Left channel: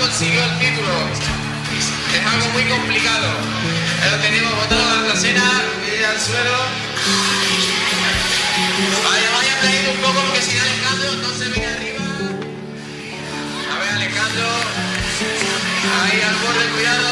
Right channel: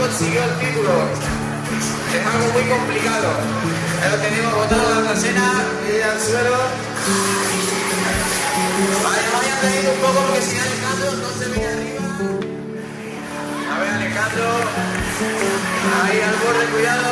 Consiguió el título. Es algo muy complicado. Ya lo tenemos botado a la trasera y al suelo. Vale, vaya a caer un poco porque si Alejandro no se viene arriba. A ver, Alejandro. Ahí al borde, cuidado.